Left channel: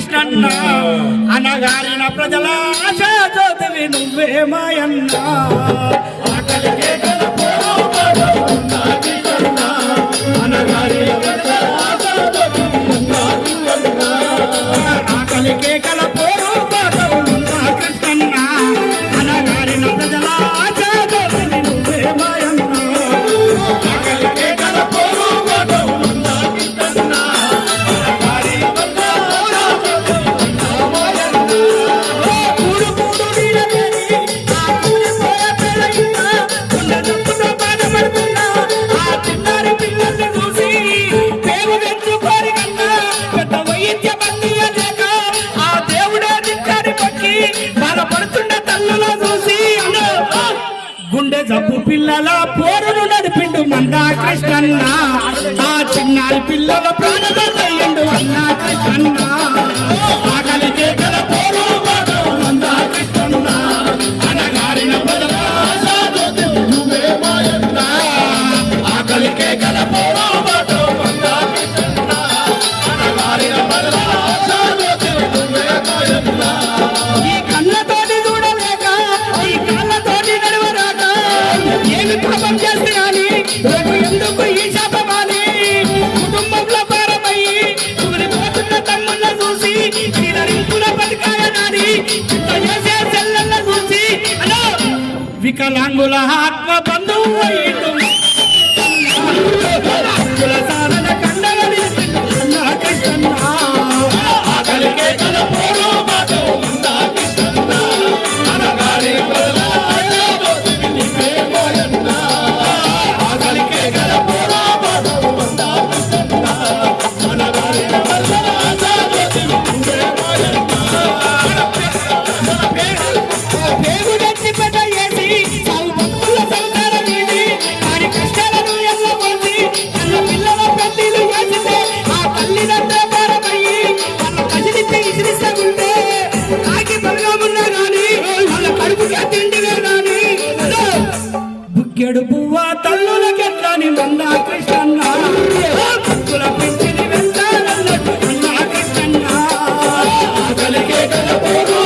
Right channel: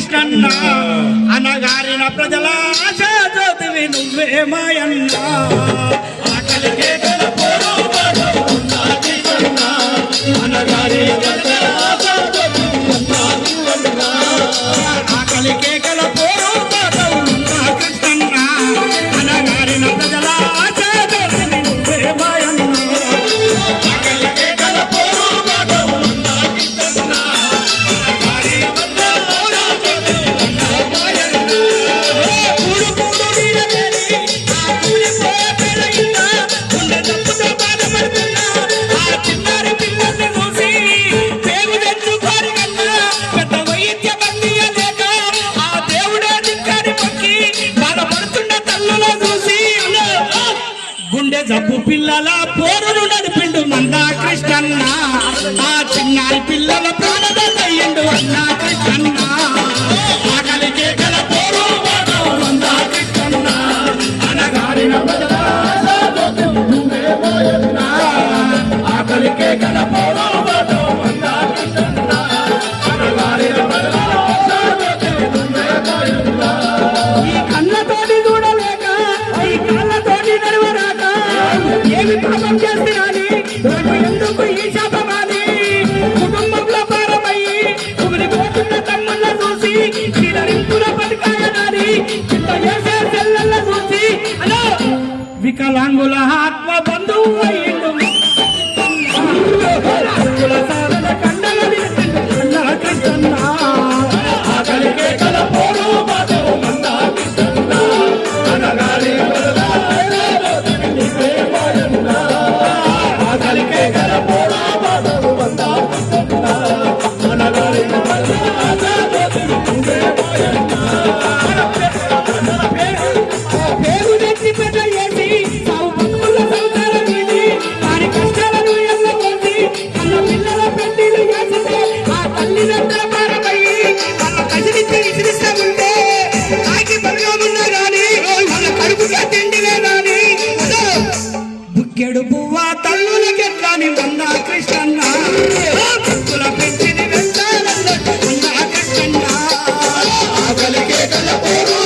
కృష్ణన్న అనగారిన ప్రజల ఆశాజ్యోతివి నువ్వే మాయన్న ఆకలికే కల కృష్ణన్న అనగారిన ప్రజల ఆశాజ్యోతివి నువ్వే మాయన్న గుండె జబ్బు పిల్లల పోరును నడిపిండు మందా కృష్ణన్న ఆ చిన్నారి పిల్లల ప్రాణమయ్యిండు అన్నా కృష్ణన్న ఆకలికే గల పోరు మందా కృష్ణన్న అనగారిన ఆకలికే గల పోరు మందా కృష్ణన్న అనగారిన ఈ కళ్ళతోటి చూడలేక ఈ కళ్ళతోటి నడవరాక ఏమి పాపం చేస్తున్నాని నాకు ఎందుకు ఈ శాపమాలి కుటుంబంలో పారమయ్యి కుమిరిపోతున్న తమ్ముళ్ళ చూసి చిరరింపుల బతికాయనాని చిత్త చేసే చెల్లెళ్ళ చూసి అలా వికలాంగుల ఆత్మ బంధువు అయ్యిండు కండల కృష్ణన్న ఆకలికే గల పోరు బుక్కెడు పువ్వ తల్లులకెట్లని మందా కృష్ణన్న భక్తుల పెంచిని వెళ్తానన్నట్టు మందా కృష్ణన్న ఆకలికే గల పోరు